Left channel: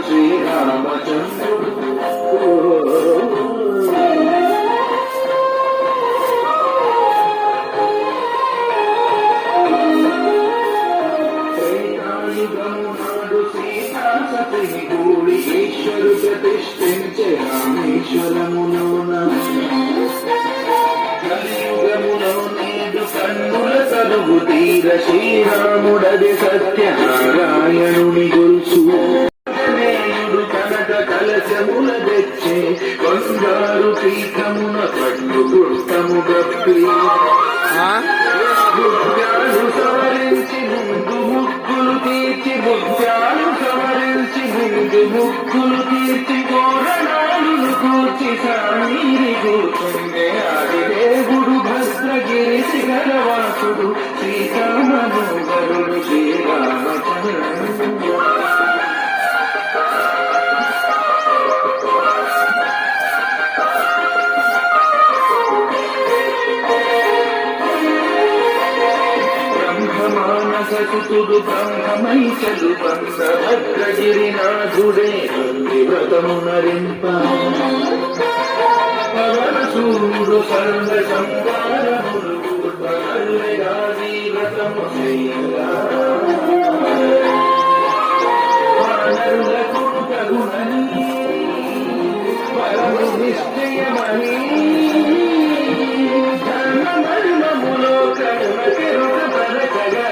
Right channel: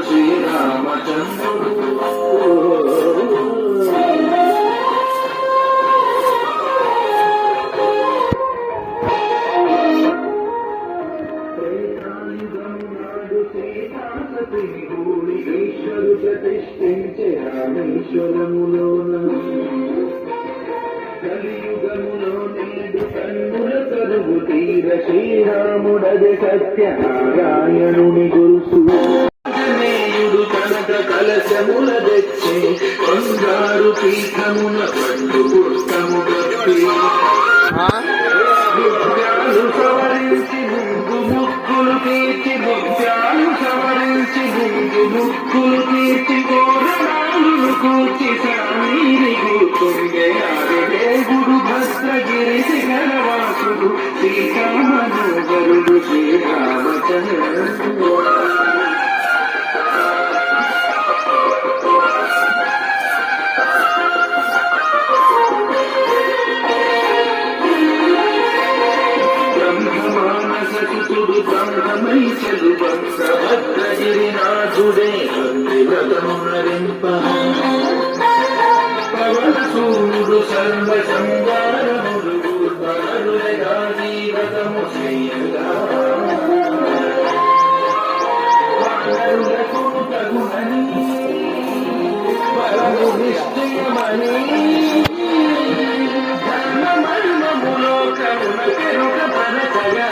శ్రీరామచంద్రుడు ఈశ్వరు ప్రతిష్ఠించే రామేశ్వరములోన కలియుగములో నేడు కన్నుల కలుగు తీర శ్రీరాముడది సత్యనారాయణుని గొలుసు నేయుడు కనక కలశముల తెచ్చి కొండారు పీఠమున పండు పుస్తము గప్పి బుద్ధ్యాలు సవరించి ముందు ముక్కులు తీర్చి బుద్ధ్యాలు సవరించి ముందు ముక్కులు తీర్చి గోడనాలు కూర్చి సామీరి కూర్చుండే దేవుడు భద్రగిరి శిఖరవాసుడు శ్రీరామోదరుడు శ్రీరామచంద్రుడు సకుతుడు బ్రహ్మమైచలు భద్రగిరినాథుడే వ్రతమునరింప పవనసూడు సర్వ సంవారములు బలరుడాది వ్రతము వానరులకు తగునని పరము నిశ్చయమని ధర్మమర్మములో కరుణ కెరుక పరకగా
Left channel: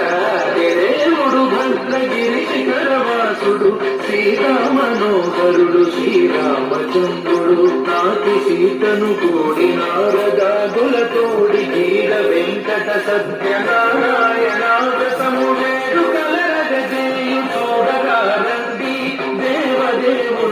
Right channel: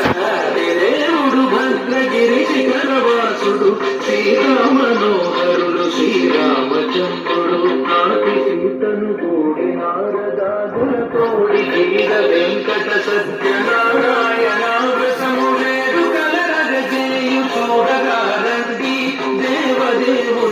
భద్రగిరి శిఖరవాసుడు శ్రీరామనోహరుడు శ్రీరామచంద్రుడు నాటి సీతను తోడి నారదాదుల తోడి గీత వెంకట సత్యనారాయణాగసము వేడు కలరగ చేయి చూడగా రండి దేవదేవు